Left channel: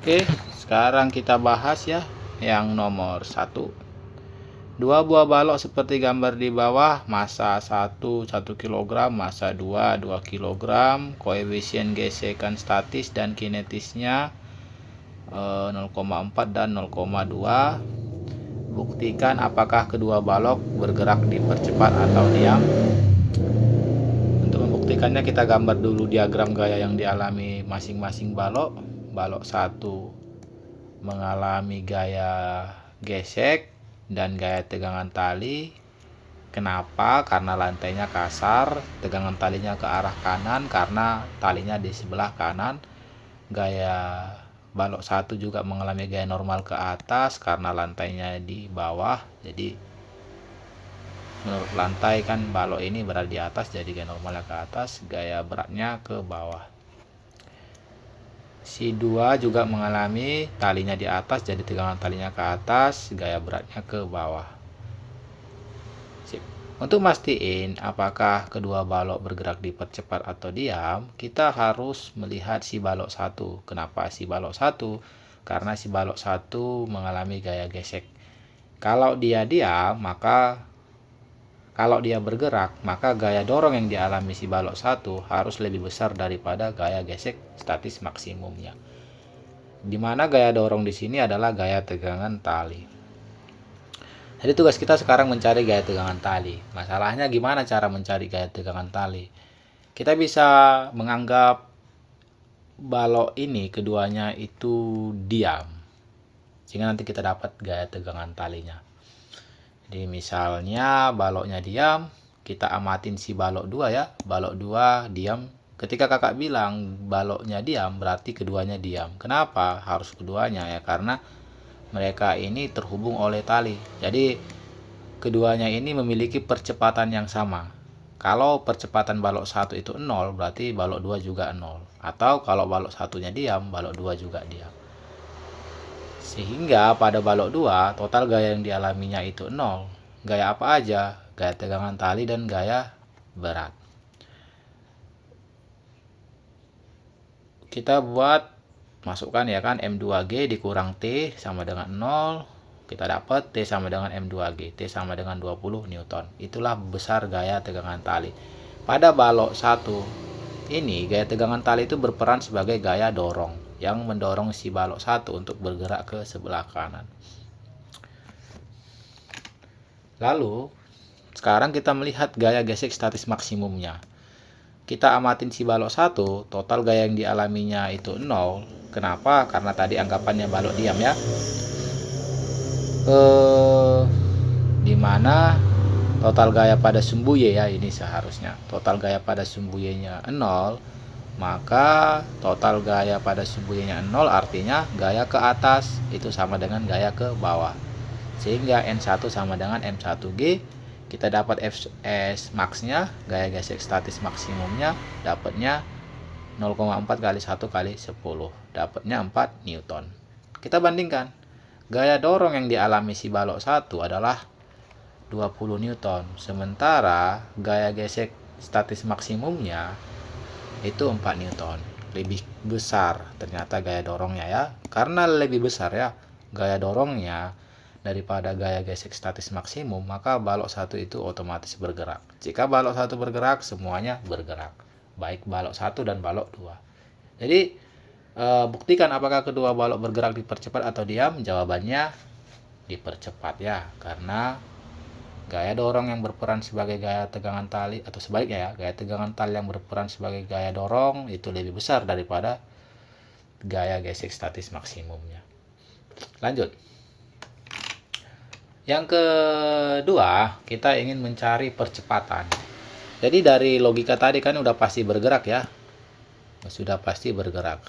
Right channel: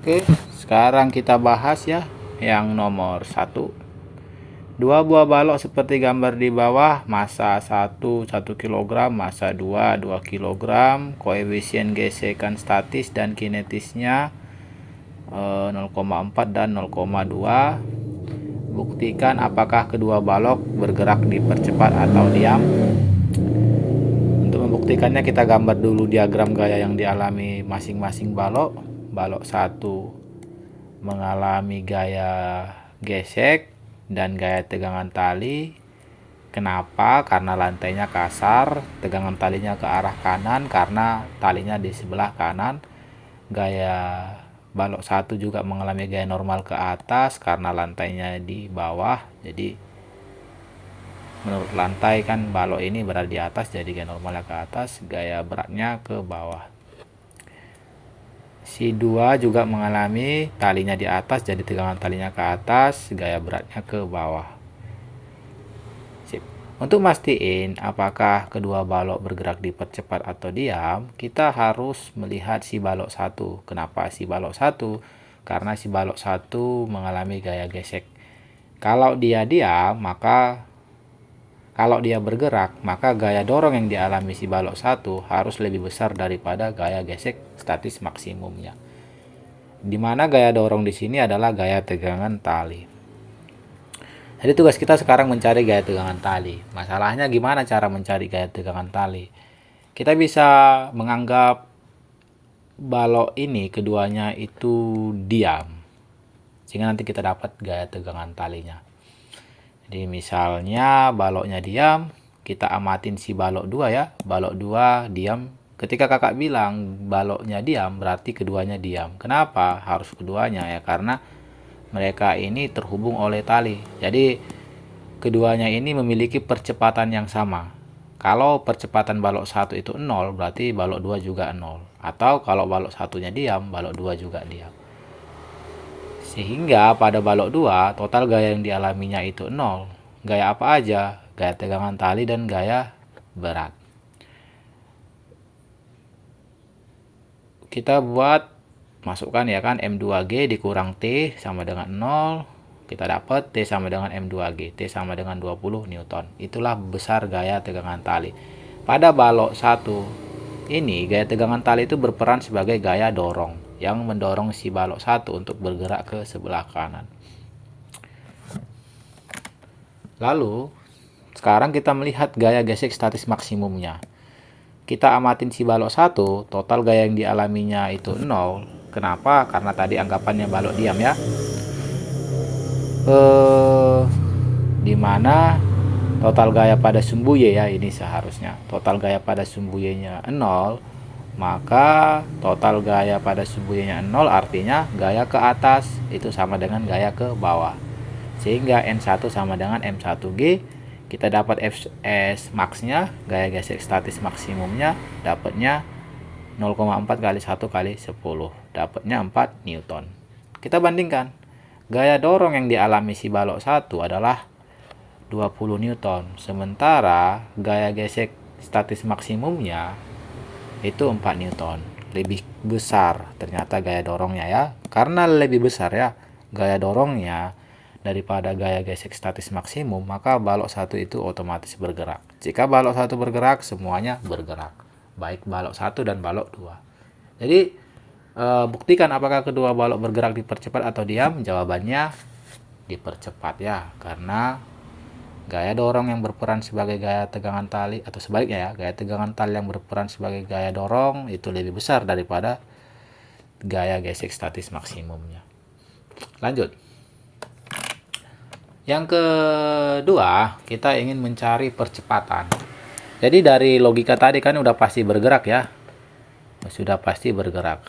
Oke, sekarang kita bahas ya yang nomor 1. Dua buah balok seperti gambar di bawah, massa 1 kg, massa 2 kg, koefisien gesekan statis dan kinetisnya 0,4 dan 0,2. Buktikan apakah kedua balok bergerak dipercepat atau diam. Untuk membuktikannya kita gambar dulu diagram gaya yang dialami masing-masing balok. Balok 1 mengalami gaya gesek dan gaya tegangan tali. Kenapa? Karena lantainya kasar, tegangan talinya ke arah kanan karena talinya di sebelah kanan. Gaya balok 1 juga mengalami gaya normal ke atas karena lantainya di bawah. Jadi menurut lantai kan balok ini berada di atas, jadi gaya normalnya ke atas, gaya beratnya ke bawah. Si 2 juga mengalami talinya di atas, jadi tegangan talinya ke atas, gaya beratnya ke bawah. Sip. Untuk mastiin apakah kedua balok bergerak dipercepat atau diam, kita harus melihat si balok 1. Kenapa si balok 1? Karena si balok 1 mengalami gaya gesek. Kalau dia diam, kalau dia bergerak, maka gaya dorong yang dialami si balok 1 harus lebih besar daripada gaya gesek statis maksimumnya. Di mana gaya dorong di sini adalah gaya tegangan tali. Jadi tugas kita sekarang mencari gaya tegangan tali. Masalahnya gimana cara mencari gaya tegangan tali? Kita bisa menganggap balok ini keduanya itu diam, sehingga nanti kita dapat gaya tegangan talinya. Jadi misalnya baloknya diam, kita amatin si balok 2 ya. Balok 2 diam. Ketika kakak bilang baloknya diam, berarti keduanya diam. Kenapa harus keduanya ya? Karena mereka ini terhubung oleh tali. Jadi keduanya ini memiliki percepatan yang sama. Kalau percepatan balok 1 itu 0, berarti balok 2 juga 0. Atau kalau balok satunya diam, balok 2 juga diam. Sehingga pada balok 2 total gaya yang dialaminya itu 0. Gaya apa aja? Gaya tegangan tali dan gaya berat. Kita buat, masukkan ya kan, M2G dikurang T sama dengan 0. Kita dapat T sama dengan M2G. T sama dengan 20 Newton. Itulah besar gaya tegangan tali. Pada balok 1 ini gaya tegangan tali itu berperan sebagai gaya dorong yang mendorong si balok 1 untuk bergerak ke sebelah kanan. Lalu sekarang kita melihat gaya gesek statis maksimumnya. Kita amatin si balok 1, total gaya yang dialaminya itu 0. Kenapa? Karena tadi anggapannya balok diam ya. Dimana total gaya pada sumbu Y ya, ini seharusnya total gaya pada sumbu Y-nya 0, maka total gaya pada sumbu Y-nya 0 artinya gaya ke atas itu sama dengan gaya ke bawah. Sehingga N1 sama dengan M1G. Kita dapat Fs max-nya, gaya gesek statis maksimumnya, dapatnya 0,4 kali 1 kali 10. Dapatnya 4 Newton. Kita bandingkan. Gaya dorong yang dialami si balok 1 adalah 20 Newton. Sementara gaya gesek statis maksimumnya itu 4 Newton. Lebih besar ternyata gaya dorongnya ya. Karena lebih besar ya gaya dorongnya daripada gaya gesek statis maksimum, maka balok 1 itu otomatis bergerak. Jika balok 1 bergerak, semuanya bergerak. Baik balok 1 dan balok 2. Jadi buktikan apakah kedua balok bergerak dipercepat atau diam. Jawabannya dipercepat ya, karena gaya dorong yang berperan sebagai gaya tegangan tali, atau sebaliknya ya, gaya tegangan tali yang berperan sebagai gaya dorong itu lebih besar daripada gaya gesek statis maksimumnya. Lanjut. Yang kedua, kita ingin mencari percepatan. Jadi dari logika tadi kan udah pasti bergerak ya. Sudah pasti bergerak.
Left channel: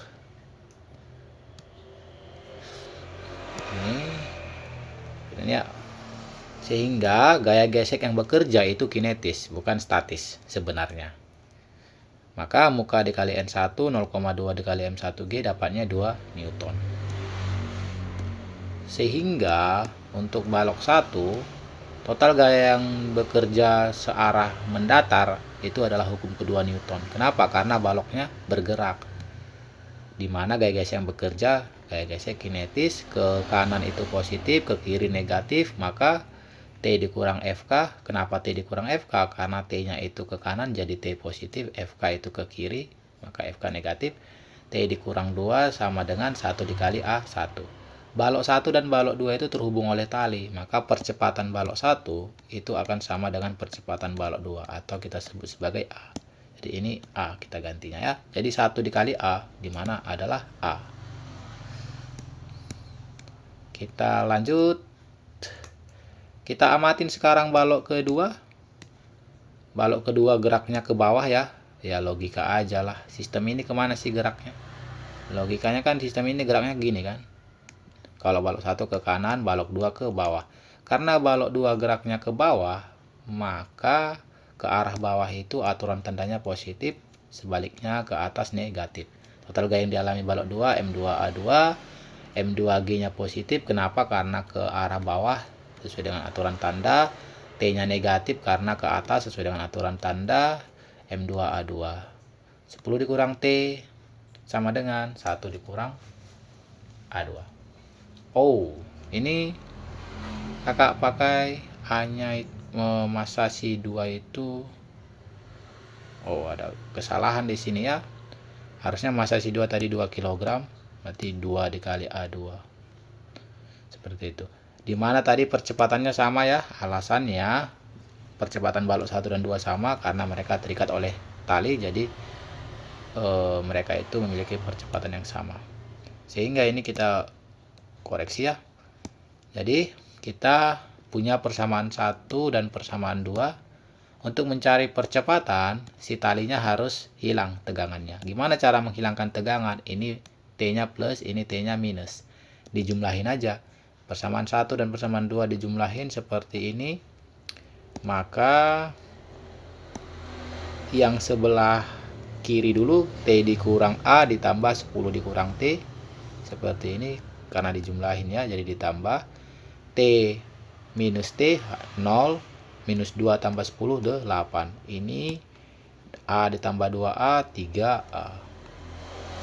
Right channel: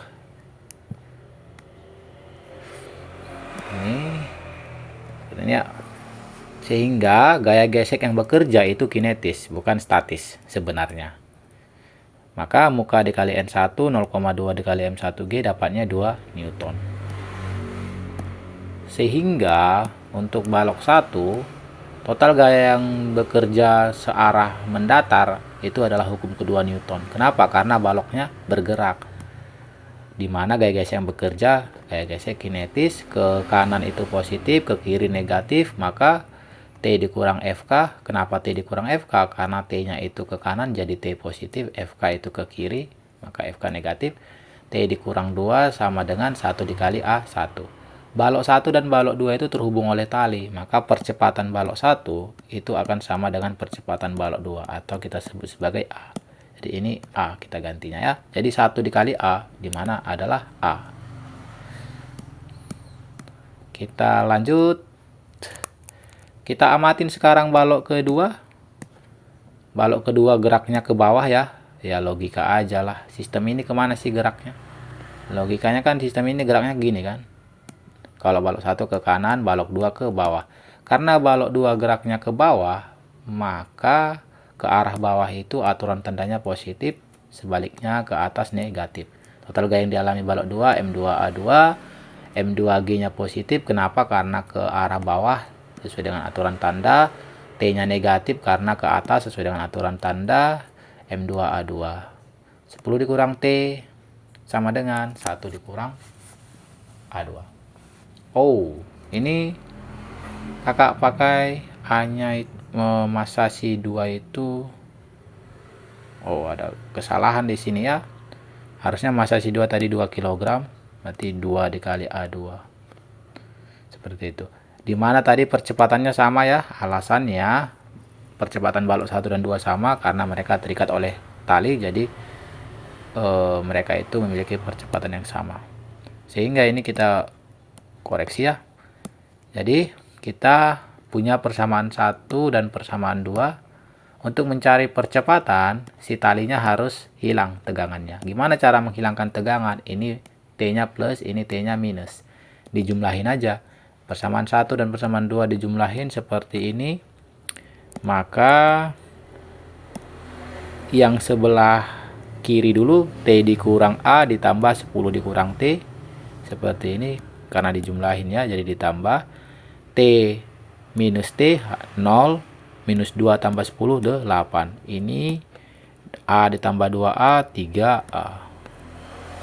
Ini ya. Sehingga gaya gesek yang bekerja itu kinetis, bukan statis sebenarnya. Maka muka dikali N1, 0,2 dikali M1G dapatnya 2 Newton. Sehingga untuk balok 1, total gaya yang bekerja searah mendatar itu adalah hukum kedua Newton. Kenapa? Karena baloknya bergerak. di mana gaya gesek yang bekerja, gaya gesek kinetis, ke kanan itu positif, ke kiri negatif, maka T dikurang FK. Kenapa T dikurang FK? Karena T-nya itu ke kanan jadi T positif, FK itu ke kiri, maka FK negatif. T dikurang 2 sama dengan 1 dikali A1. Balok 1 dan balok 2 itu terhubung oleh tali, maka percepatan balok 1 itu akan sama dengan percepatan balok 2, atau kita sebut sebagai A. Jadi ini A kita gantinya ya. Jadi 1 dikali A, di mana adalah A. Kita lanjut. Kita amatin sekarang balok kedua. Balok kedua geraknya ke bawah ya. Ya logika aja lah. Sistem ini kemana sih geraknya? Logikanya kan sistem ini geraknya gini kan. Kalau balok 1 ke kanan, balok 2 ke bawah. Karena balok 2 geraknya ke bawah, maka ke arah bawah itu aturan tandanya positif, sebaliknya ke atas negatif. Total gaya yang dialami balok 2, M2A2, M2G-nya positif. Kenapa? Karena ke arah bawah sesuai dengan aturan tanda. T-nya negatif karena ke atas sesuai dengan aturan tanda. M2A2. 10 dikurang T sama dengan 1 dikurang A2. Oh, ini kakak pakai hanya massa si 2 itu. Oh, ada kesalahan di sini ya. Harusnya massa si 2 tadi 2 kg, berarti 2 dikali A2. Seperti itu. Dimana tadi percepatannya sama ya. Alasannya percepatan balok 1 dan 2 sama karena mereka terikat oleh tali, jadi mereka itu memiliki percepatan yang sama. Sehingga ini kita koreksi ya. Jadi kita punya persamaan 1 dan persamaan 2. Untuk mencari percepatan, si talinya harus hilang tegangannya. Gimana cara menghilangkan tegangan? Ini T-nya plus, ini T-nya minus. Dijumlahin aja. Persamaan 1 dan persamaan 2 dijumlahin seperti ini. Maka yang sebelah kiri dulu, T dikurang A ditambah 10 dikurang T. Seperti ini. Karena dijumlahin ya, jadi ditambah. T minus T 0. Minus 2 tambah 10, 8. Ini A ditambah 2A, 3A.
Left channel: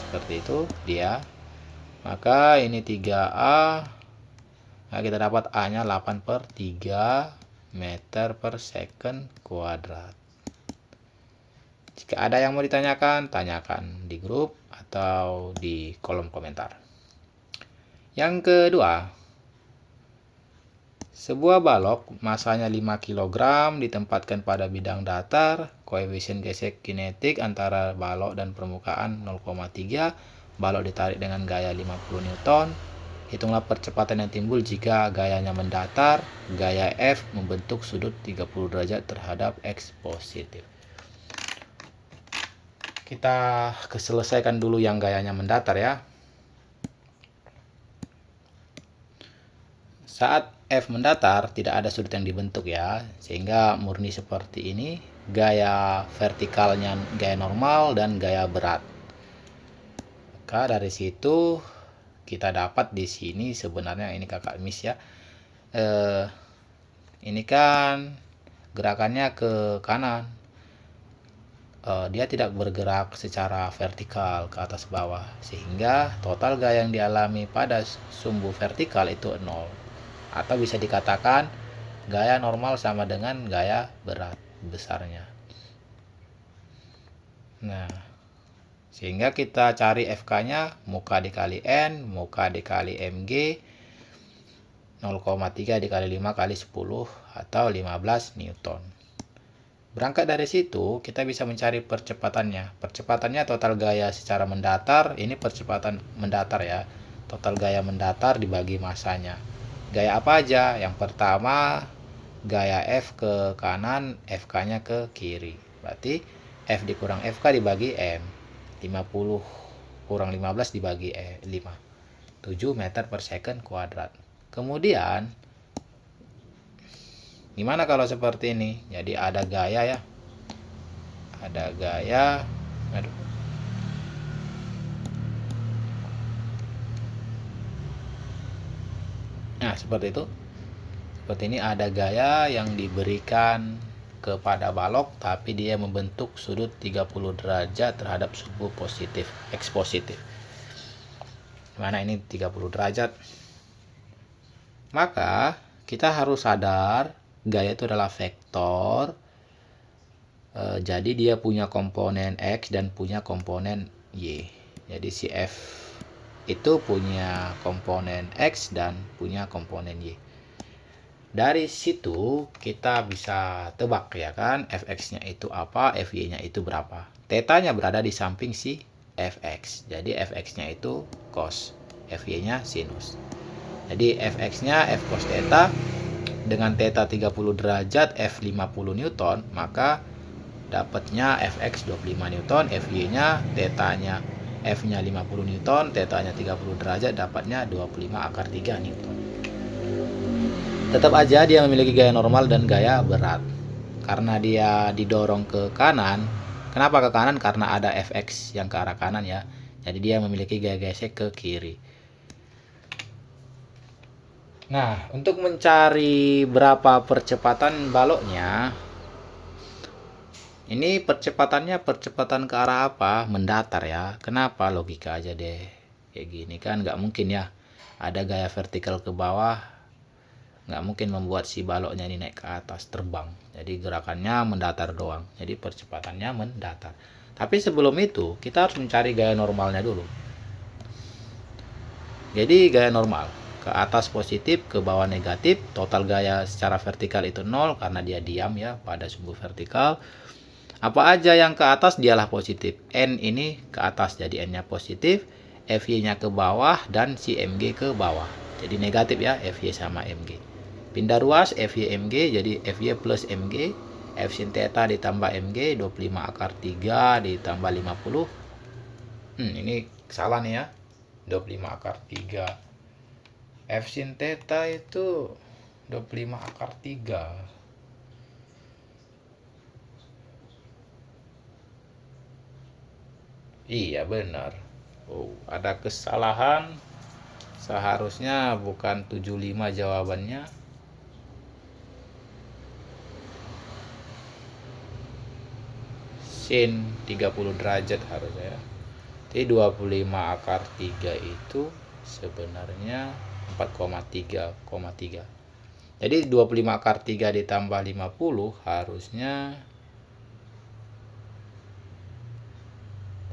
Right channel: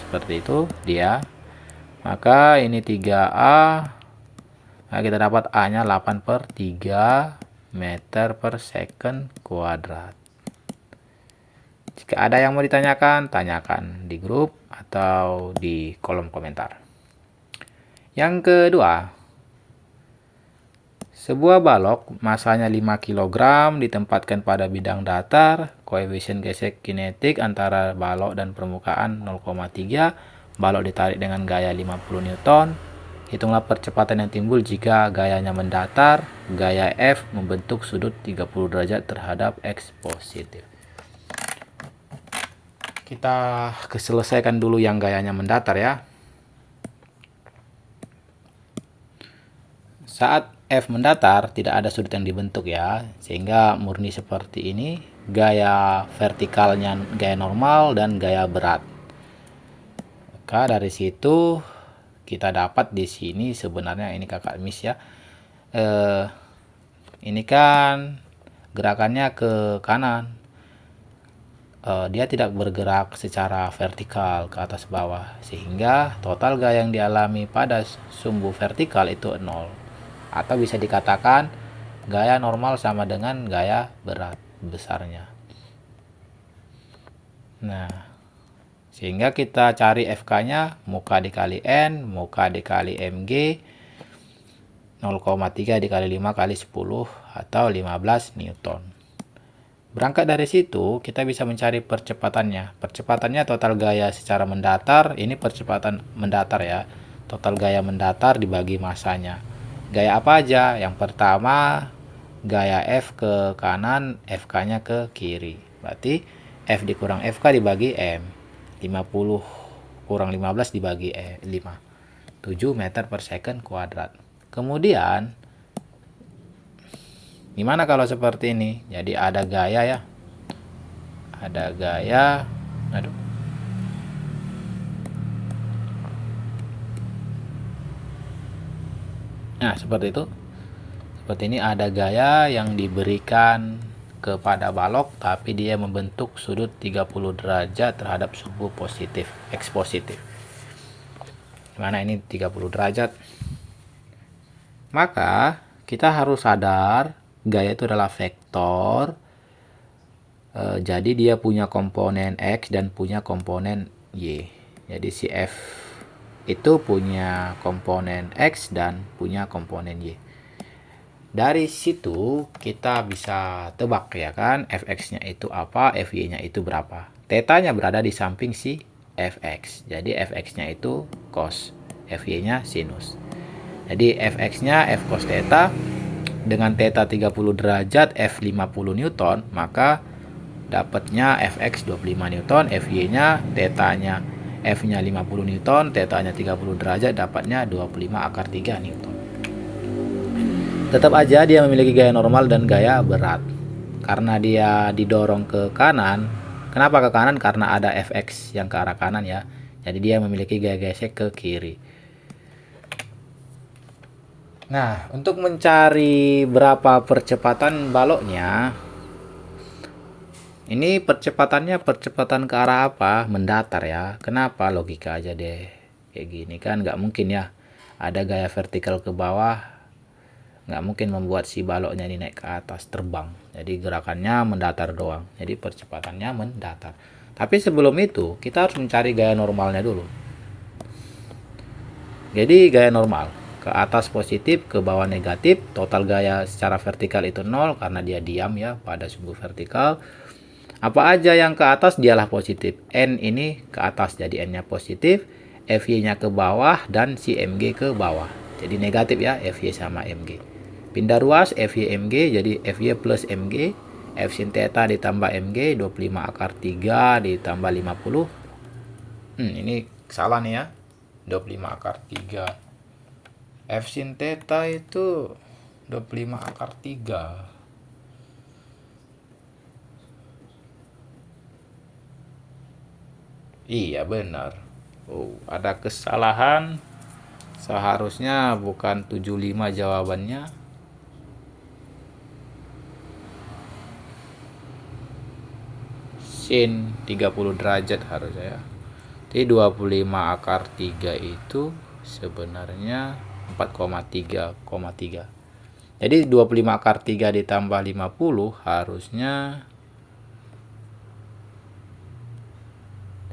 Seperti itu dia. Maka ini 3A. Nah, kita dapat A-nya 8/3 meter per second kuadrat. Jika ada yang mau ditanyakan, tanyakan di grup atau di kolom komentar. Yang kedua, sebuah balok masanya 5 kg ditempatkan pada bidang datar, koefisien gesek kinetik antara balok dan permukaan 0,3, balok ditarik dengan gaya 50 Newton. Hitunglah percepatan yang timbul jika gayanya mendatar, gaya F membentuk sudut 30 derajat terhadap X positif. Kita selesaikan dulu yang gayanya mendatar ya. Saat F mendatar, tidak ada sudut yang dibentuk ya, sehingga murni seperti ini. Gaya vertikalnya gaya normal dan gaya berat. Maka dari situ kita dapat di sini sebenarnya ini kakak miss ya. Ini kan gerakannya ke kanan. Dia tidak bergerak secara vertikal ke atas bawah, sehingga total gaya yang dialami pada sumbu vertikal itu 0. Atau bisa dikatakan gaya normal sama dengan gaya berat besarnya. Nah, sehingga kita cari FK-nya muka dikali N, muka dikali MG, 0,3 dikali 5 kali 10 atau 15 Newton. Berangkat dari situ, kita bisa mencari percepatannya. Percepatannya total gaya secara mendatar, ini percepatan mendatar ya. Total gaya mendatar dibagi masanya. Gaya apa aja? Yang pertama, gaya F ke kanan, FK-nya ke kiri. Berarti F dikurang FK dibagi M. 50 kurang 15 dibagi 5. 7 meter per second kuadrat. Kemudian, gimana kalau seperti ini? Jadi ada gaya ya. Ada gaya. Aduh. Nah, seperti itu. Seperti ini ada gaya yang diberikan kepada balok, tapi dia membentuk sudut 30 derajat terhadap sumbu positif, X positif. dimana ini 30 derajat. Maka kita harus sadar gaya itu adalah vektor. Jadi dia punya komponen X dan punya komponen Y. Jadi si F itu punya komponen X dan punya komponen Y. Dari situ kita bisa tebak ya kan, fx-nya itu apa, fy-nya itu berapa. Theta-nya berada di samping si fx. Jadi fx-nya itu cos, fy-nya sinus. Jadi fx-nya f cos theta dengan theta 30 derajat f 50 newton, maka dapatnya fx 25 newton, fy-nya theta-nya f-nya 50 newton, theta-nya 30 derajat, dapatnya 25 akar 3 newton. Tetap aja dia memiliki gaya normal dan gaya berat. Karena dia didorong ke kanan. Kenapa ke kanan? Karena ada fx yang ke arah kanan ya. Jadi dia memiliki gaya gesek ke kiri. Nah, untuk mencari berapa percepatan baloknya, ini percepatan ke arah apa? Mendatar ya. Kenapa? Logika aja deh. Kayak gini kan nggak mungkin ya. Ada gaya vertikal ke bawah, nggak mungkin membuat si baloknya ini naik ke atas terbang. Jadi gerakannya mendatar doang. Jadi percepatannya mendatar. Tapi sebelum itu kita harus mencari gaya normalnya dulu. Jadi gaya normal ke atas positif, ke bawah negatif. Total gaya secara vertikal itu 0 karena dia diam ya pada sumbu vertikal. Apa aja yang ke atas dialah positif. N ini ke atas jadi N-nya positif, FY-nya ke bawah dan si MG ke bawah. Jadi negatif ya, FY sama MG. Pindah ruas FY MG jadi FY plus MG, F sin theta ditambah MG 25 akar 3 ditambah 50. Ini salah nih ya. 25 akar 3. F sin theta itu 25 akar 3. Iya benar. Oh, ada kesalahan. Seharusnya bukan 75 jawabannya. Sin 30 derajat harusnya ya. Jadi 25 akar 3 itu sebenarnya 4,3,3. Jadi 25 akar 3 ditambah 50 harusnya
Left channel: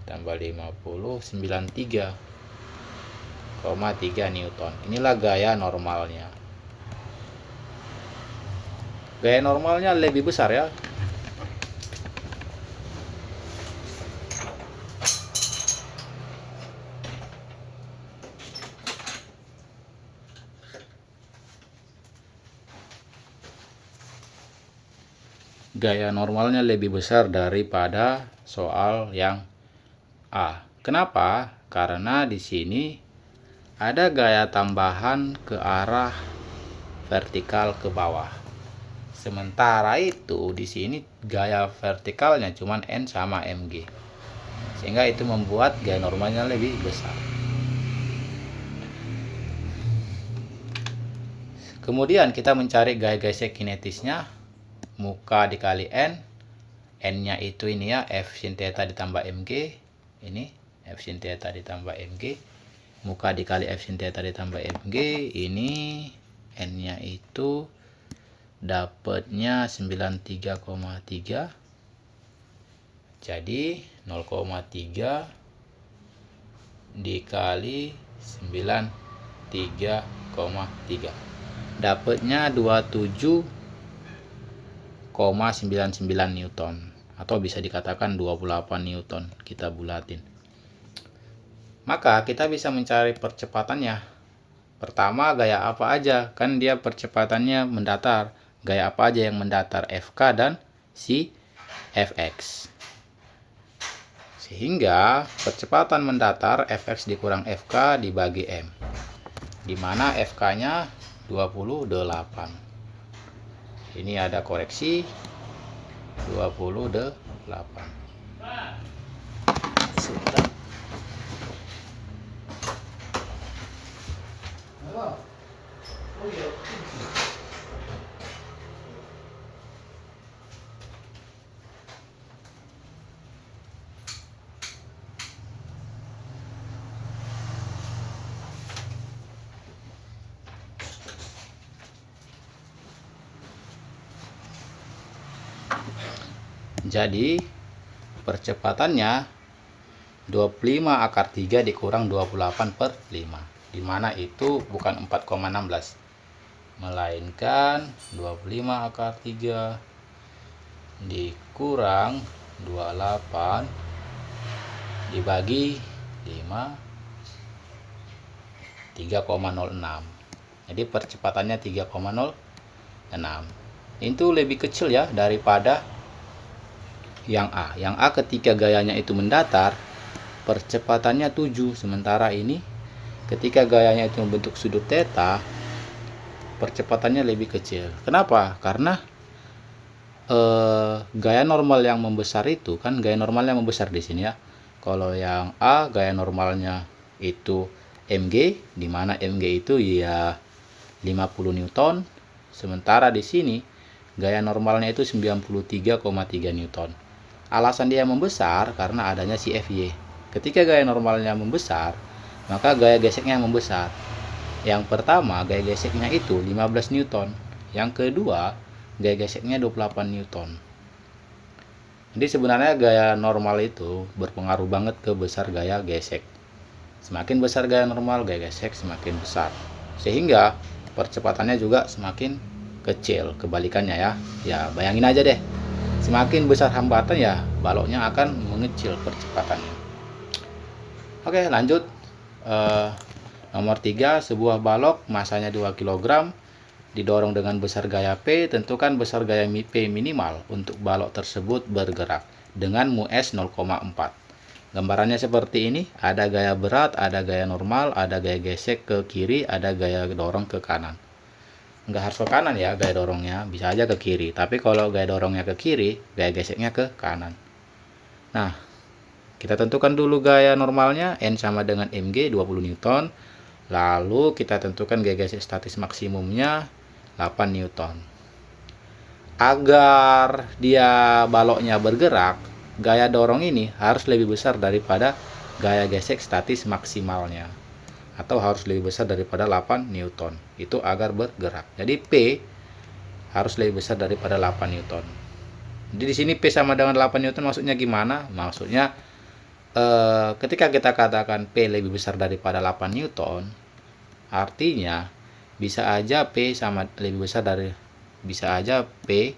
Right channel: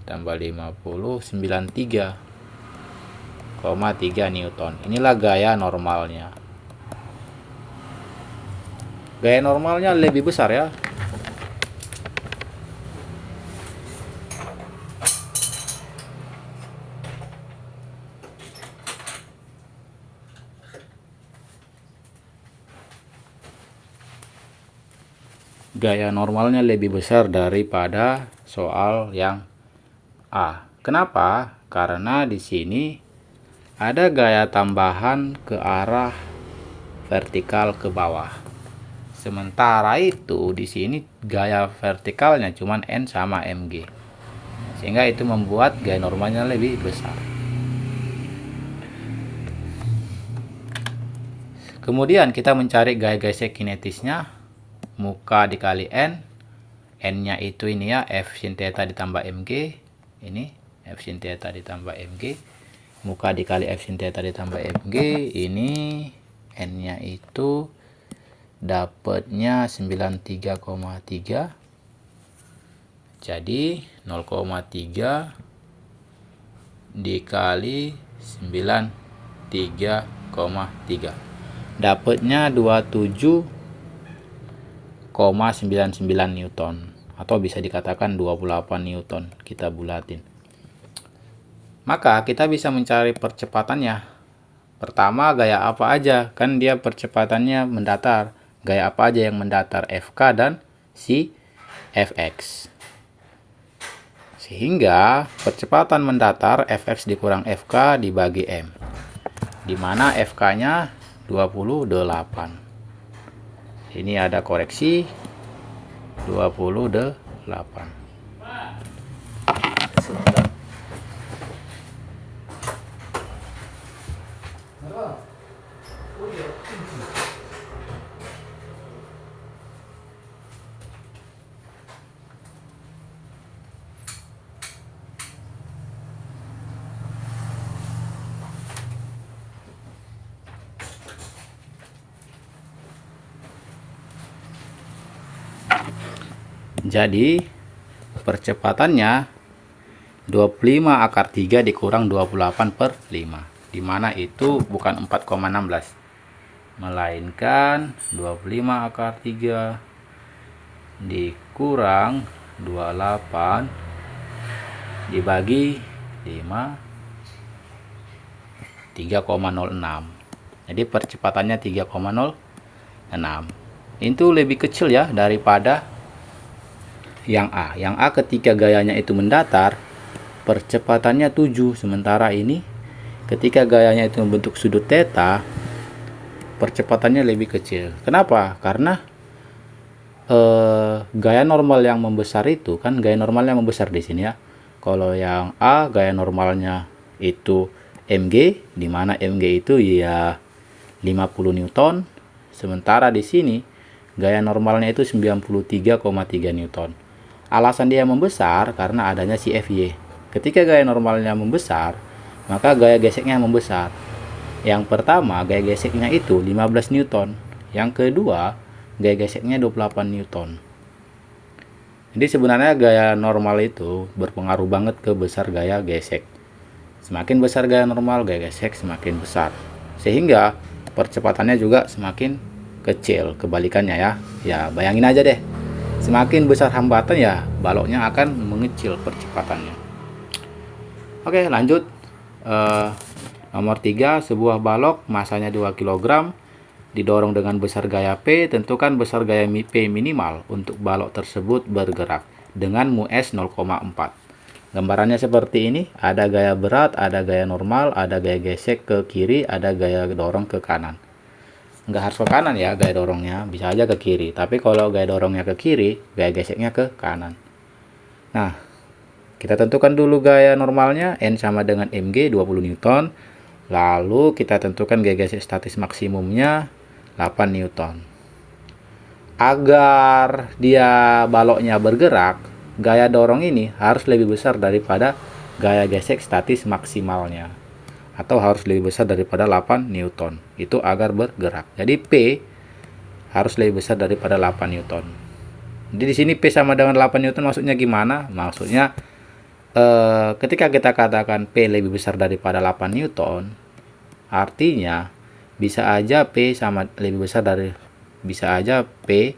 tambah 50 93,3 Newton. Inilah gaya normalnya. Gaya normalnya lebih besar ya. Gaya normalnya lebih besar daripada soal yang A. Kenapa? Karena di sini ada gaya tambahan ke arah vertikal ke bawah. Sementara itu di sini gaya vertikalnya cuma N sama MG. Sehingga itu membuat gaya normalnya lebih besar. Kemudian kita mencari gaya gesek kinetisnya. Muka dikali N. N-nya itu ini ya, F sin theta ditambah MG. Ini F sin theta ditambah MG. Muka dikali F sin theta ditambah MG. Ini N-nya itu dapatnya 93,3. Jadi 0,3 dikali 93,3. Dapatnya 27,99 Newton. Atau bisa dikatakan 28 Newton. Kita bulatin. Maka kita bisa mencari percepatannya. Pertama gaya apa aja. Kan dia percepatannya mendatar. Gaya apa aja yang mendatar, FK dan si Fx. Sehingga percepatan mendatar Fx dikurang Fk dibagi M. Dimana Fk-nya 28. Ini ada koreksi 28. Sebentar. Jadi percepatannya 25 akar 3 dikurang 28/5, dimana itu bukan 4,16, melainkan 25 akar 3 dikurang 28 dibagi 5, 3,06. Jadi percepatannya 3,06. Itu lebih kecil ya daripada yang A. Yang A ketika gayanya itu mendatar, percepatannya 7. Sementara ini ketika gayanya itu membentuk sudut theta, percepatannya lebih kecil. Kenapa? Karena gaya normal yang membesar itu kan, gaya normalnya membesar di sini ya. Kalau yang A gaya normalnya itu mg, dimana mg itu ya 50 Newton. Sementara di sini gaya normalnya itu 93,3 Newton. Alasan dia membesar karena adanya si Fy. Ketika gaya normalnya membesar, maka gaya geseknya membesar. Yang pertama, gaya geseknya itu 15 Newton. Yang kedua, gaya geseknya 28 Newton. Jadi sebenarnya gaya normal itu berpengaruh banget ke besar gaya gesek. Semakin besar gaya normal, gaya gesek semakin besar. Sehingga percepatannya juga semakin kecil, kebalikannya ya. Ya, bayangin aja deh. Semakin besar hambatan ya, baloknya akan mengecil percepatannya. Oke, lanjut. Nomor 3, sebuah balok masanya 2 kg didorong dengan besar gaya P. Tentukan besar gaya P minimal untuk balok tersebut bergerak dengan mu S 0,4. Gambarannya seperti ini. Ada gaya berat, ada gaya normal, ada gaya gesek ke kiri, ada gaya dorong ke kanan. Nggak harus ke kanan ya gaya dorongnya, bisa aja ke kiri. Tapi kalau gaya dorongnya ke kiri, gaya geseknya ke kanan. Nah, kita tentukan dulu gaya normalnya. N sama dengan mg 20 Newton. Lalu kita tentukan gaya gesek statis maksimumnya 8 Newton. Agar dia baloknya bergerak, gaya dorong ini harus lebih besar daripada gaya gesek statis maksimalnya, atau harus lebih besar daripada 8 Newton. Itu agar bergerak. Jadi P harus lebih besar daripada 8 Newton. Jadi di sini P sama dengan 8 Newton maksudnya gimana? Maksudnya ketika kita katakan P lebih besar daripada 8 Newton, artinya bisa aja P sama lebih besar dari, bisa aja P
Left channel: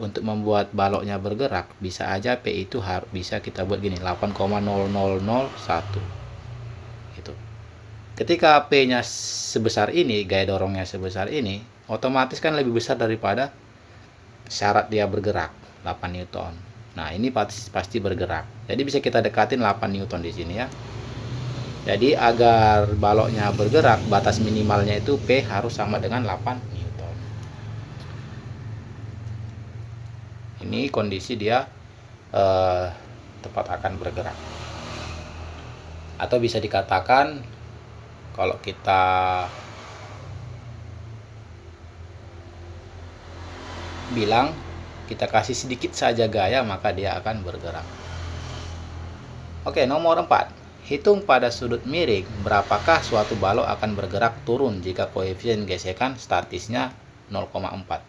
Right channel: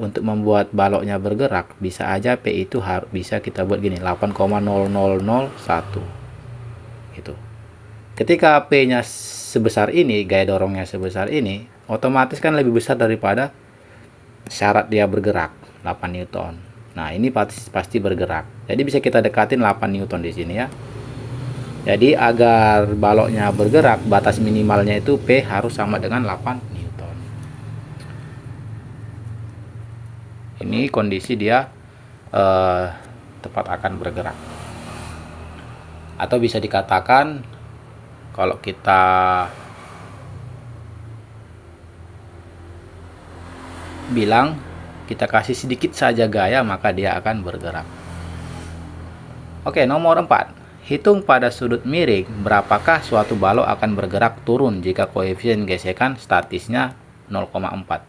untuk membuat baloknya bergerak, bisa aja P itu harus bisa kita buat gini, 8,0001. Itu. Ketika P-nya sebesar ini, gaya dorongnya sebesar ini, otomatis kan lebih besar daripada syarat dia bergerak, 8 Newton. Nah, ini pasti bergerak. Jadi bisa kita dekatin 8 Newton di sini ya. Jadi agar baloknya bergerak, batas minimalnya itu P harus sama dengan 8 Newton. Ini kondisi dia tepat akan bergerak. Atau bisa dikatakan kalau kita bilang kita kasih sedikit saja gaya, maka dia akan bergerak. Oke, nomor 4. Hitung pada sudut miring berapakah suatu balok akan bergerak turun jika koefisien gesekan statisnya 0,4.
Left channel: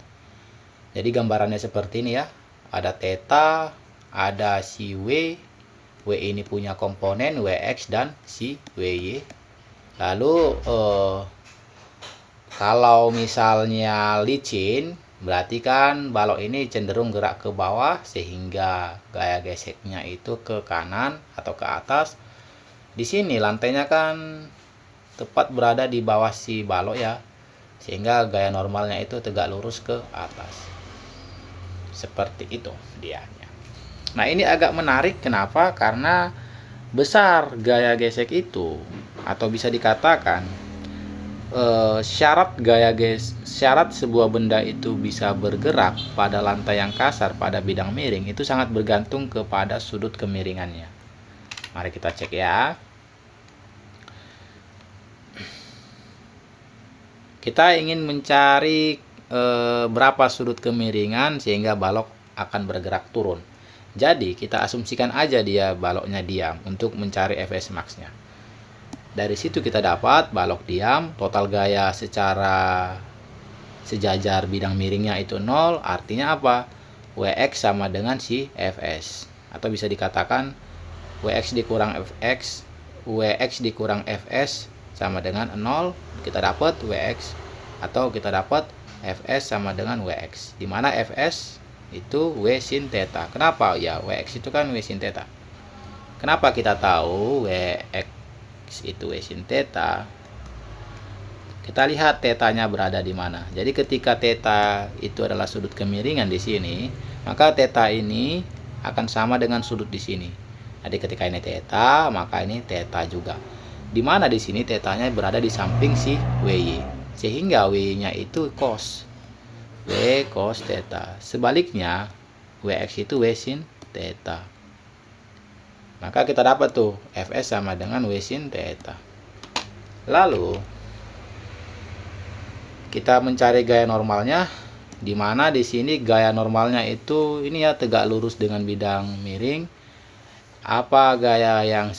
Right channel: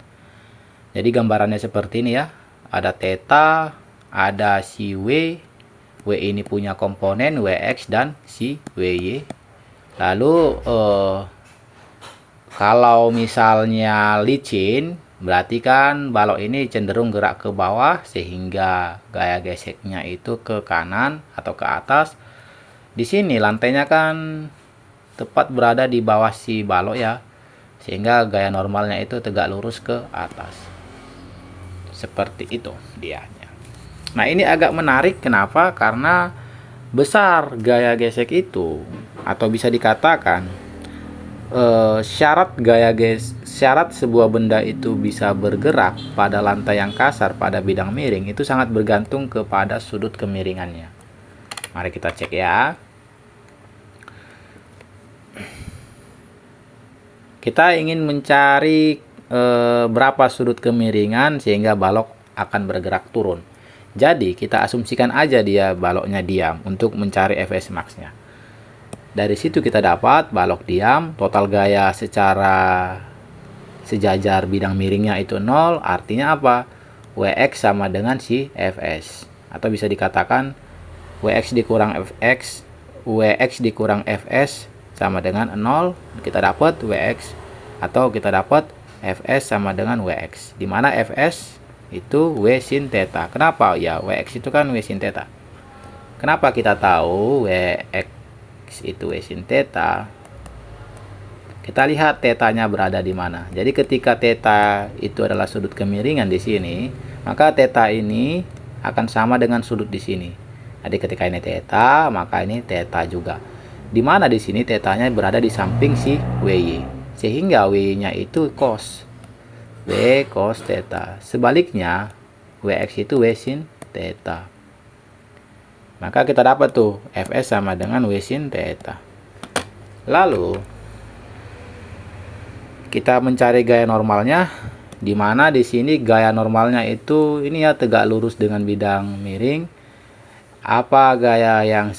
Jadi gambarannya seperti ini ya. Ada theta, ada si W. W ini punya komponen Wx dan si Wy. Lalu kalau misalnya licin, berarti kan balok ini cenderung gerak ke bawah sehingga gaya geseknya itu ke kanan atau ke atas. Di sini lantainya kan tepat berada di bawah si balok ya, sehingga gaya normalnya itu tegak lurus ke atas. Seperti itu dianya. Nah, ini agak menarik. Kenapa? Karena besar gaya gesek itu, atau bisa dikatakan syarat sebuah benda itu bisa bergerak pada lantai yang kasar pada bidang miring itu sangat bergantung kepada sudut kemiringannya. Mari kita cek ya. Kita ingin mencari berapa sudut kemiringan sehingga balok akan bergerak turun. Jadi kita asumsikan aja dia baloknya diam untuk mencari Fs max-nya. Dari situ kita dapat balok diam, total gaya secara sejajar bidang miringnya itu 0. Artinya apa? Wx sama dengan si Fs. Atau bisa dikatakan Wx dikurang Fx, Wx dikurang Fs sama dengan 0. Kita dapat Wx, atau kita dapat Fs sama dengan Wx. Dimana Fs itu W sin theta. Kenapa? Ya, Wx itu kan W sin theta. Kenapa kita tahu Wx itu W sin theta? Kita lihat tetanya berada di mana. Jadi ketika theta itu adalah sudut kemiringan di sini, maka theta ini akan sama dengan sudut di sini. Jadi ketika ini theta, maka ini theta juga. Di mana di sini tetanya berada di samping si WY. Sehingga WY-nya itu cos. W cos theta. Sebaliknya, Wx itu W sin theta. Maka kita dapat tuh Fs sama dengan W sin theta. Lalu kita mencari gaya normalnya, di mana di sini gaya normalnya itu ini ya tegak lurus dengan bidang miring. Apa gaya yang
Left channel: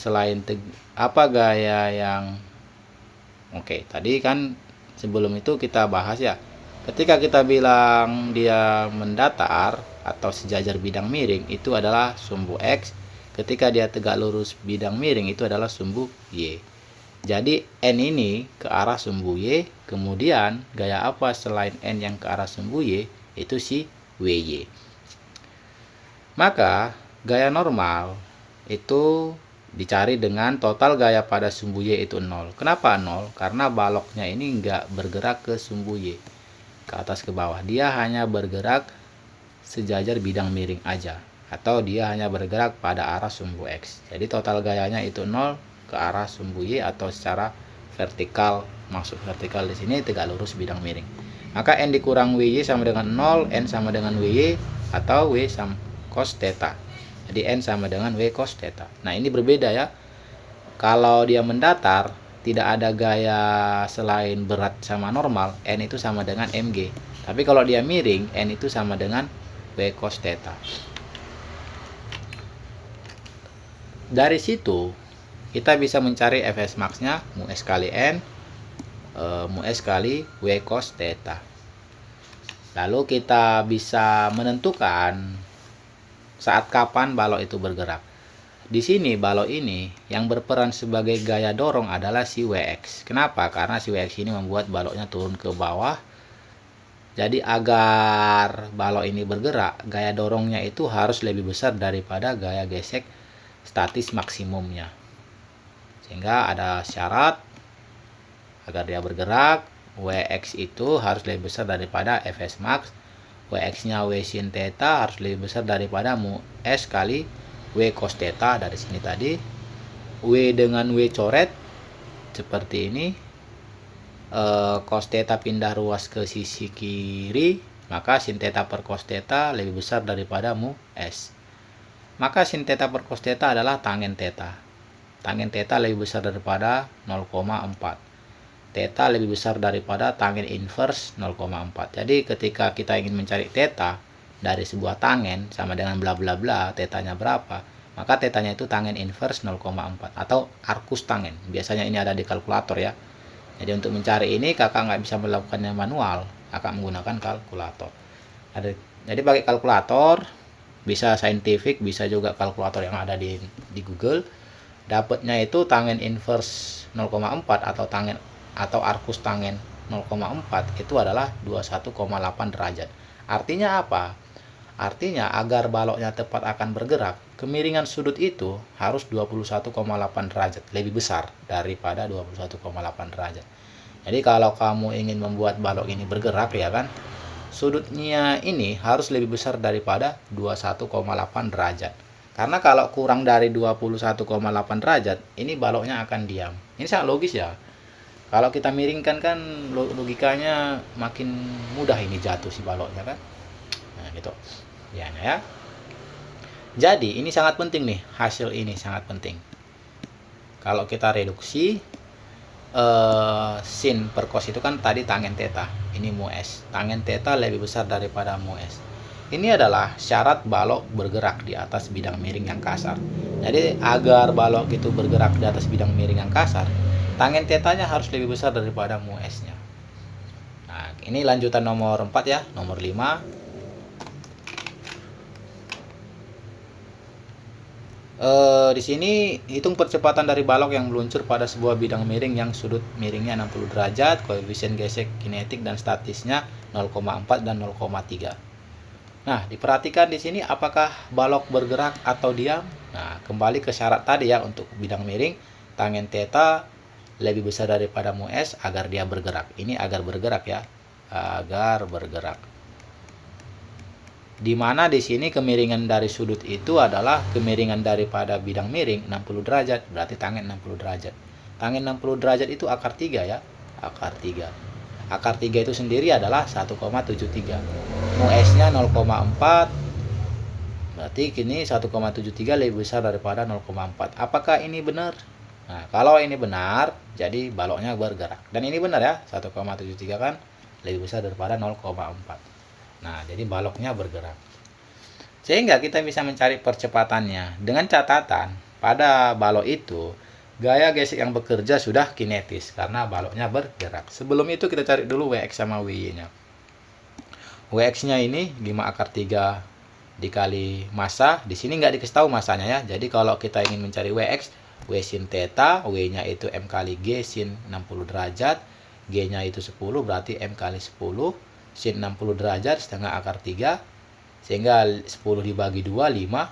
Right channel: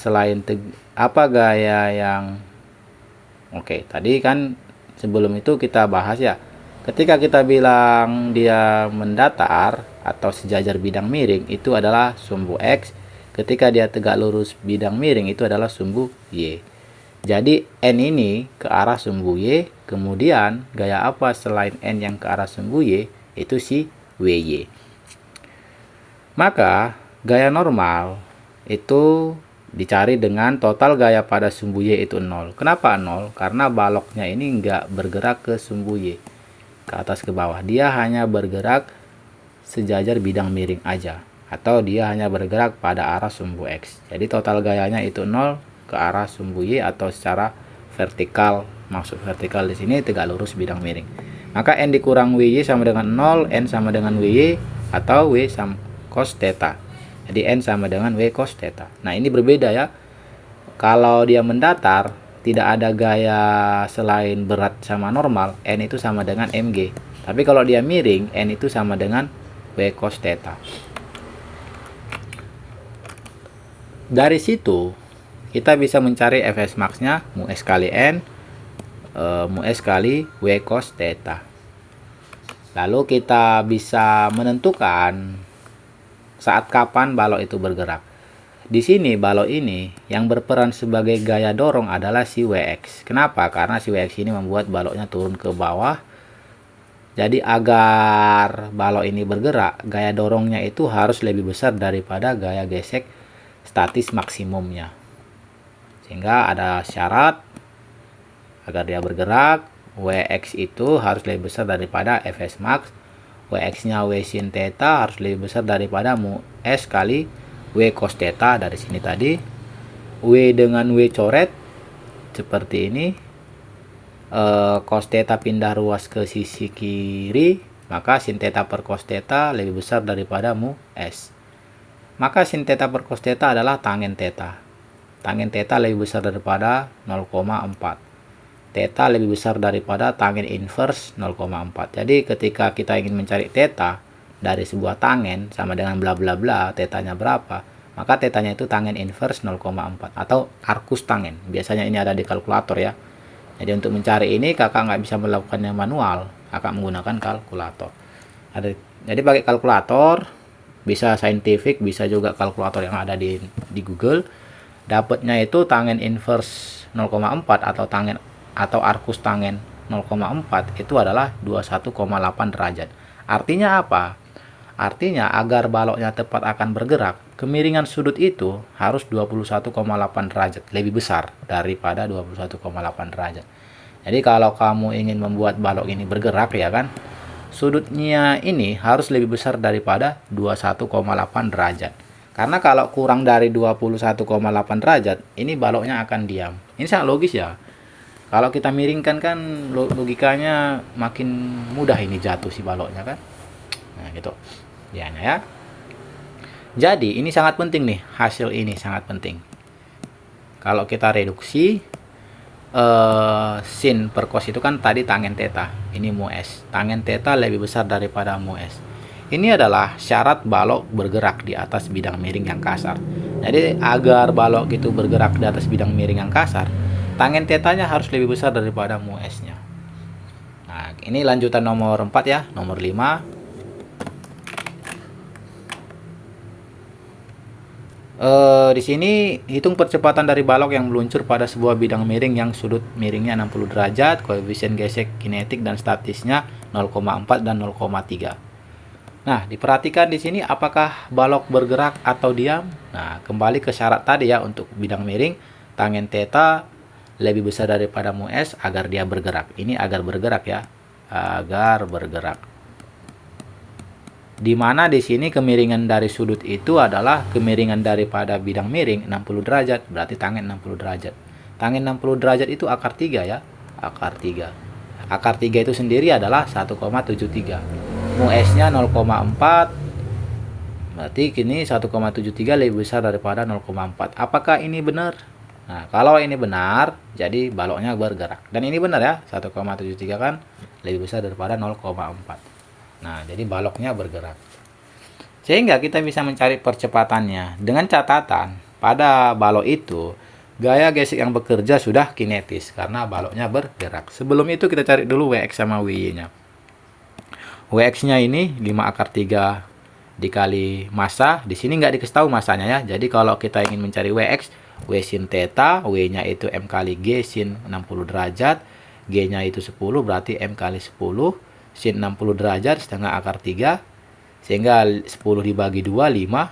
Oke, tadi kan sebelum itu kita bahas ya. Ketika kita bilang dia mendatar atau sejajar bidang miring, itu adalah sumbu X. Ketika dia tegak lurus bidang miring, itu adalah sumbu Y. Jadi N ini ke arah sumbu Y, kemudian gaya apa selain N yang ke arah sumbu Y, itu si WY. Maka gaya normal itu dicari dengan total gaya pada sumbu Y itu 0. Kenapa 0? Karena baloknya ini nggak bergerak ke sumbu Y, ke atas ke bawah. Dia hanya bergerak sejajar bidang miring aja, atau dia hanya bergerak pada arah sumbu X. Jadi total gayanya itu 0 ke arah sumbu Y, atau secara vertikal. Maksud vertikal di sini tegak lurus bidang miring. Maka N dikurang WY sama dengan 0, N sama dengan WY, atau W sama cos theta. Jadi N sama dengan W cos theta. Nah, ini berbeda ya. Kalau dia mendatar, tidak ada gaya selain berat sama normal, N itu sama dengan mg. Tapi kalau dia miring, N itu sama dengan W cos theta. Dari situ kita bisa mencari Fs max-nya mu S kali N, mu S kali W cos theta. Lalu kita bisa menentukan saat kapan balok itu bergerak. Di sini balok ini yang berperan sebagai gaya dorong adalah si Wx. Kenapa? Karena si Wx ini membuat baloknya turun ke bawah. Jadi agar balok ini bergerak, gaya dorongnya itu harus lebih besar daripada gaya gesek statis maksimumnya. Sehingga ada syarat agar dia bergerak, Wx itu harus lebih besar daripada Fs max. Wx-nya W sin theta harus lebih besar daripada mu S kali W cos theta. Dari sini tadi W dengan W coret seperti ini. Cos theta pindah ruas ke sisi kiri, maka sin theta per cos theta lebih besar daripada mu S. Maka sin theta per cos theta adalah tangen theta. Tangen theta lebih besar daripada 0,4. Theta lebih besar daripada tangen inverse 0,4. Jadi ketika kita ingin mencari theta dari sebuah tangen sama dengan bla bla bla, tetanya berapa, maka tetanya itu tangen inverse 0,4 atau arcus tangen. Biasanya ini ada di kalkulator ya. Jadi untuk mencari ini kakak nggak bisa melakukannya manual, kakak menggunakan kalkulator. Jadi pakai kalkulator, bisa scientific, bisa juga kalkulator yang ada di Google. Dapatnya itu tangen inverse 0,4 atau arcus tangen 0,4 itu adalah 21,8 derajat. Artinya apa? Artinya agar baloknya tepat akan bergerak, kemiringan sudut itu harus 21,8 derajat, lebih besar daripada 21,8 derajat. Jadi kalau kamu ingin membuat balok ini bergerak ya kan, sudutnya ini harus lebih besar daripada 21,8 derajat. Karena kalau kurang dari 21,8 derajat, ini baloknya akan diam. Ini sangat logis ya. Kalau kita miringkan kan logikanya makin mudah ini jatuh si baloknya kan. Nah gitu. Ya. Jadi ini sangat penting nih, hasil ini sangat penting. Kalau kita reduksi sin per cos itu kan tadi tangen theta, ini mu S. Tangen theta lebih besar daripada mu S. Ini adalah syarat balok bergerak di atas bidang miring yang kasar. Jadi agar balok itu bergerak di atas bidang miring yang kasar, tangen tetanya harus lebih besar daripada mu S-nya. Nah, ini lanjutan nomor 4 ya, nomor 5. Di sini hitung percepatan dari balok yang meluncur pada sebuah bidang miring yang sudut miringnya 60 derajat, koefisien gesek kinetik dan statisnya 0,4 dan 0,3. Nah, diperhatikan di sini apakah balok bergerak atau diam. Nah, kembali ke syarat tadi ya, untuk bidang miring, tangen theta lebih besar daripada mu S agar dia bergerak. Ini agar bergerak ya, agar bergerak. Di mana di sini kemiringan dari sudut itu adalah kemiringan daripada bidang miring 60 derajat, berarti tangen 60 derajat. Tangen 60 derajat itu akar 3 ya, akar 3. Akar 3 itu sendiri adalah 1,73. Mu S-nya 0,4, berarti kini 1,73 lebih besar daripada 0,4. Apakah ini benar? Nah, kalau ini benar, jadi baloknya bergerak. Dan ini benar ya, 1,73 kan lebih besar daripada 0,4. Nah, jadi baloknya bergerak. Sehingga kita bisa mencari percepatannya. Dengan catatan, pada balok itu, gaya gesek yang bekerja sudah kinetis karena baloknya bergerak. Sebelum itu kita cari dulu Wx sama Wy-nya. Wx-nya ini 5 akar 3 dikali massa. Di sini nggak dikasih tahu massanya ya. Jadi kalau kita ingin mencari Wx, W sin theta, W-nya itu M kali G sin 60 derajat. G-nya itu 10, berarti M kali 10. Sin 60 derajat setengah akar 3, sehingga 10 dibagi 2 5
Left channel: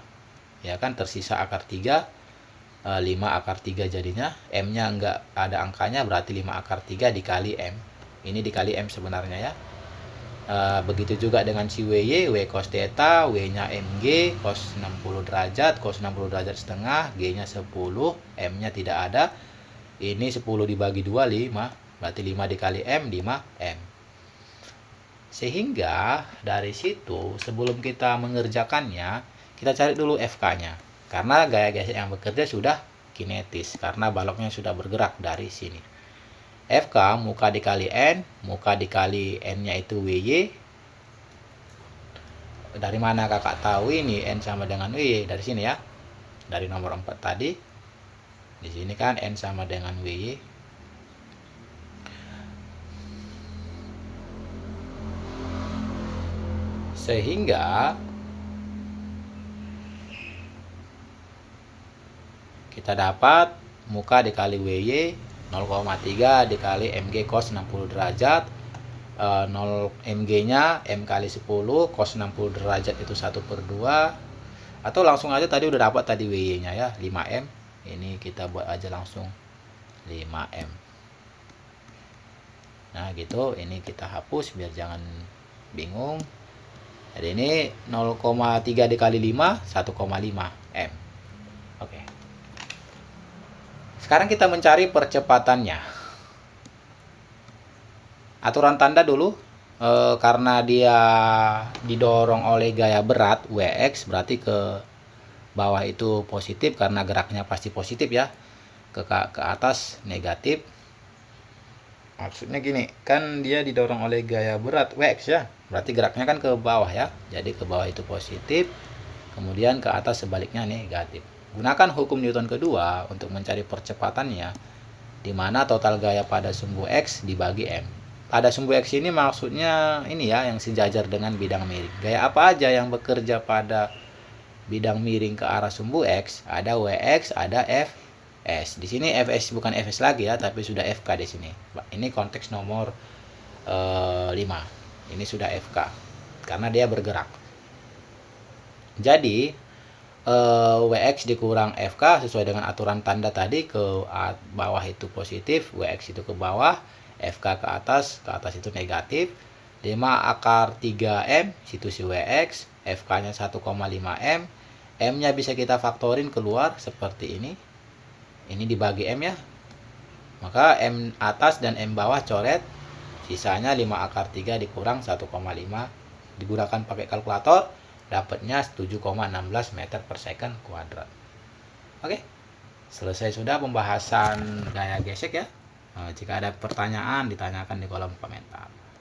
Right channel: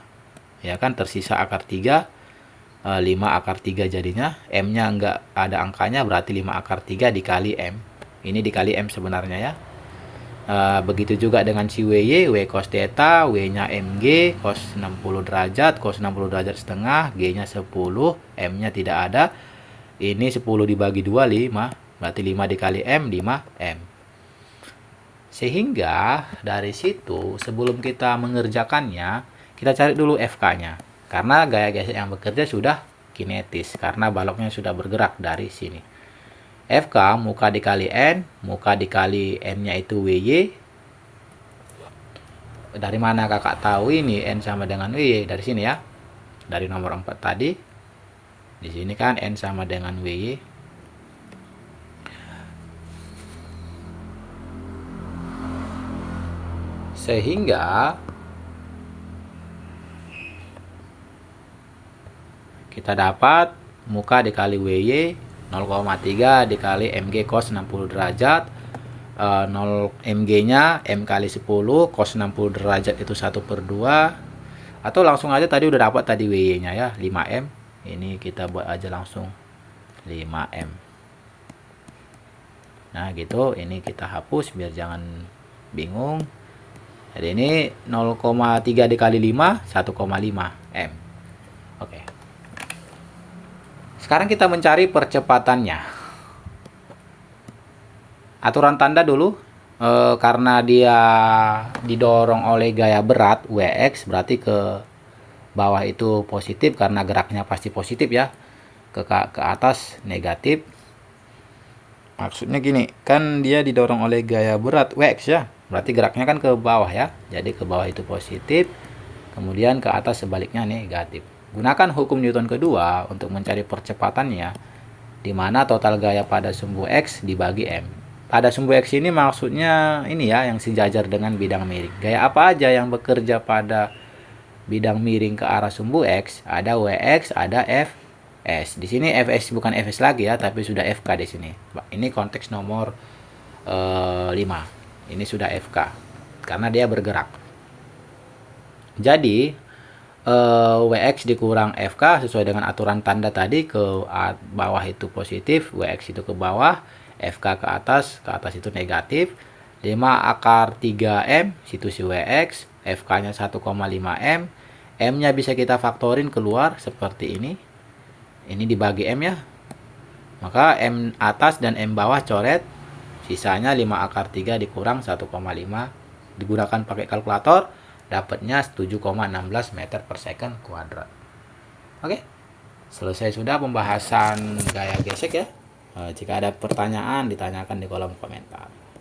ya kan, tersisa akar 3, 5 akar 3 jadinya. M nya enggak ada angkanya, berarti 5 akar 3 dikali M, ini dikali M sebenarnya ya. Begitu juga dengan si WY, W cos theta, W nya MG cos 60 derajat, cos 60 derajat setengah, G nya 10, M nya tidak ada. Ini 10 dibagi 2 5, berarti 5 dikali M 5M. Sehingga dari situ sebelum kita mengerjakannya, kita cari dulu FK-nya. Karena gaya gesek yang bekerja sudah kinetis, karena baloknya sudah bergerak dari sini. FK muka dikali N, muka dikali N-nya itu WY. Dari mana kakak tahu ini N sama dengan WY? Dari sini ya. Dari nomor 4 tadi. Di sini kan N sama dengan WY. Sehingga kita dapat muka dikali WY 0,3 dikali MG cos 60 derajat, 0 MG nya M kali 10, cos 60 derajat itu 1/2. Atau langsung aja tadi udah dapat tadi WY nya ya 5M. Ini kita buat aja langsung 5M. Nah gitu, ini kita hapus biar jangan bingung. Jadi ini 0,3 dikali 5, 1,5 M. Oke. Sekarang kita mencari percepatannya. Aturan tanda dulu. Karena dia didorong oleh gaya berat Wx, berarti ke bawah itu positif karena geraknya pasti positif ya. Ke atas negatif. Maksudnya gini, kan dia didorong oleh gaya berat Wx ya. Berarti geraknya kan ke bawah ya. Jadi ke bawah itu positif, kemudian ke atas sebaliknya negatif. Gunakan hukum Newton kedua untuk mencari percepatannya, di mana total gaya pada sumbu X dibagi M. Pada sumbu X ini maksudnya ini ya, yang sejajar dengan bidang miring. Gaya apa aja yang bekerja pada bidang miring ke arah sumbu X? Ada Wx, ada Fs. Di sini Fs bukan Fs lagi ya, tapi sudah Fk di sini. Ini konteks nomor 5. Ini sudah FK karena dia bergerak. Jadi Wx dikurang FK sesuai dengan aturan tanda tadi, ke bawah itu positif, Wx itu ke bawah, FK ke atas itu negatif. 5 akar 3M situ si Wx, FK nya 1,5M. M nya bisa kita faktorin keluar seperti ini. Ini dibagi M ya. Maka M atas dan M bawah coret. Sisanya 5 akar 3 dikurang 1,5. Digunakan pakai kalkulator, dapatnya 7,16 meter per second kuadrat. Oke, selesai sudah pembahasan gaya gesek ya. Jika ada pertanyaan, ditanyakan di kolom komentar.